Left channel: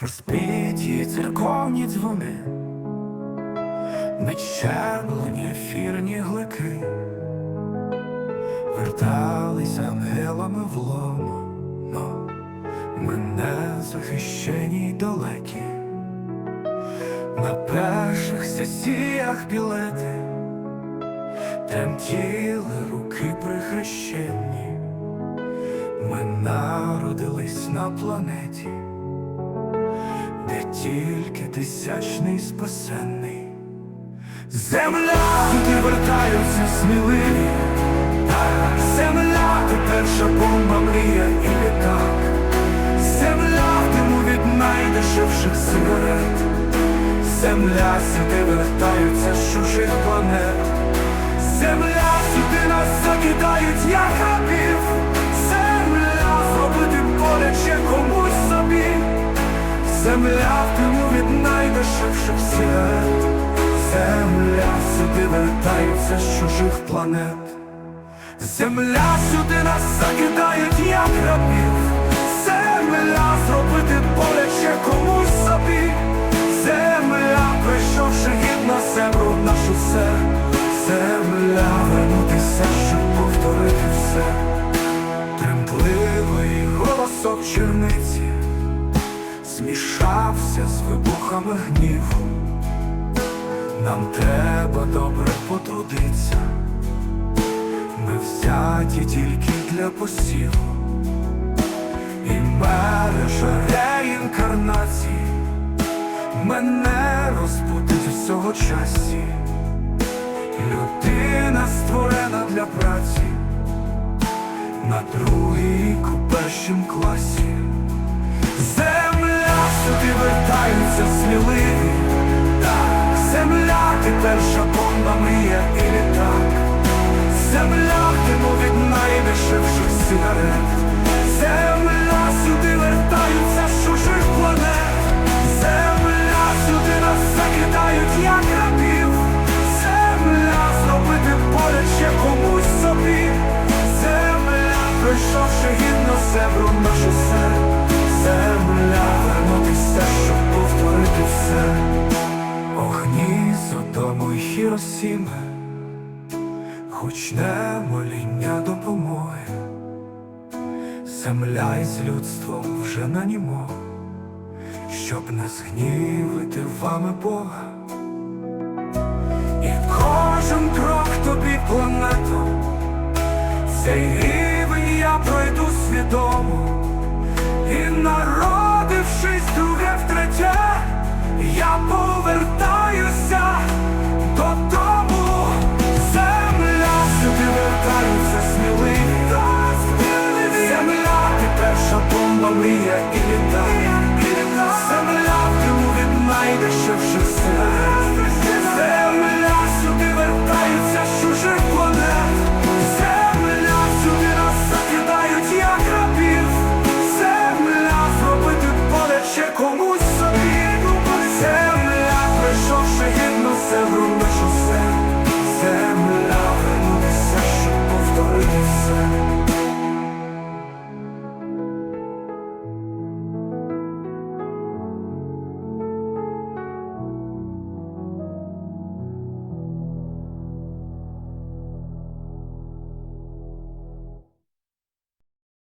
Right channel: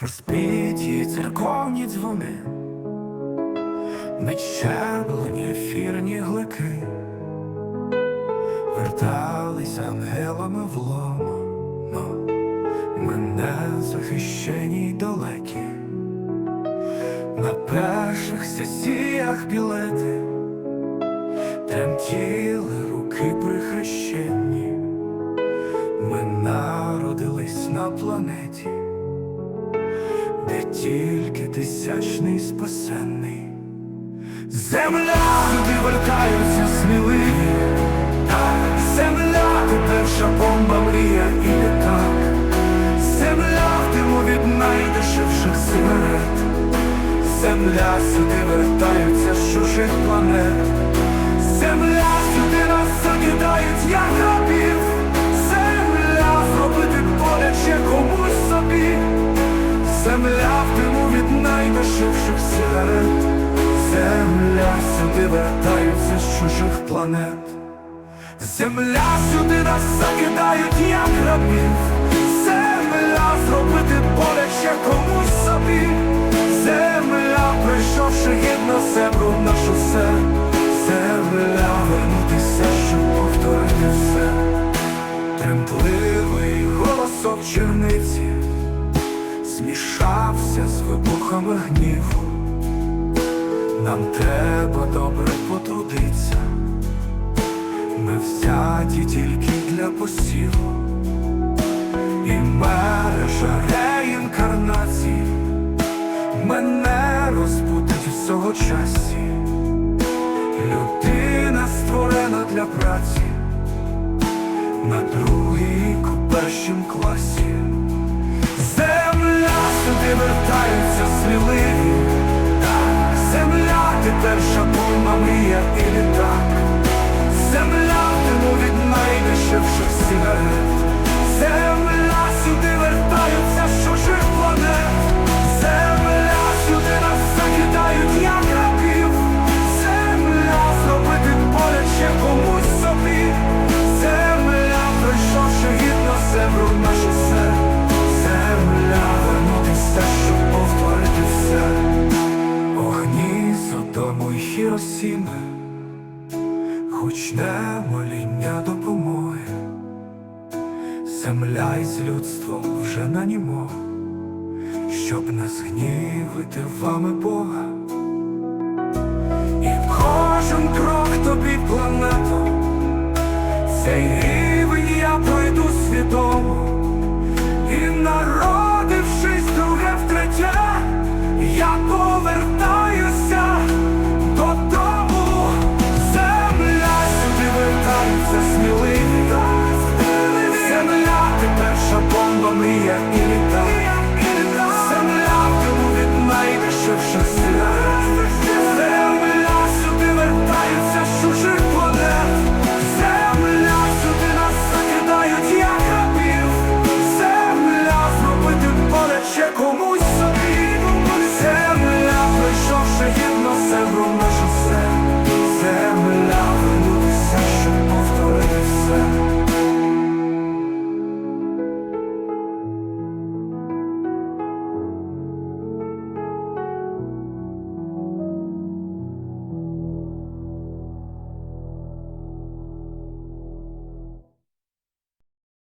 Розпіті церковні дзвони, нечерблені ефірні глики, вертались ангелами в лоно, мене захищені й далекі, на перших сесіях білети, тремтіли руки прихрещені, ми народились на планеті тільки тисячний спасенний. Земля, туди вертаються сміливі, так, земля, ти перша бомба, мрія і літак. Земля в диму від найдешевших сигарет. Земля, сюди вертаються з чужих планет. Земля, сюди нас закидають, як рабів. Земля, зробити боляче комусь собі. Земля в диму від найдешевших сигарет Земля сюди вертаються з чужих планет. Земля сюди нас закидають, як рабів Земля зробити боляче комусь собі. Земля, прийшовши гідно себру на шосе Земля, вернутися, щоб повторити все. Тремтливий голосок черниці змішався з вибухами гніву. Нам треба добре потрудиться, ми взяті тільки для посіву, і мережа реінкарнації мене розбудить всього часі. Людина створена для праці на другій першім класі. Сюди вертаються сміливі, так, земля, ти перша бомба, мрія і літак. Земля в диму від найдешевших сигарет. Земля сюди вертаються з чужих планет. Земля сюди нас закидають, як рабів. Земля зробити боляче комусь собі. Земля, пройшовши гідно землю на шосе. Земля, вернутися, щоб повторити все. Огні Содому й Хіросіми, хоч не моління допомоги. Земля із людством вже на німо, щоб не згнівити вами Бога. І кожен крок тобі плането, цей рівень я пройду свідомо. Вертаються сміливі. Земля, ти перша бомба, мрія і літа. Земля в диму від найдешевших сигарет. Земля сюди вертаються чужих планет. Земля сюди нас закидають, як рабів. Земля зробити боляче комусь собі. Земля, пройшовши гідно себру на шосе. Земля, вернутися, щоб повторити все.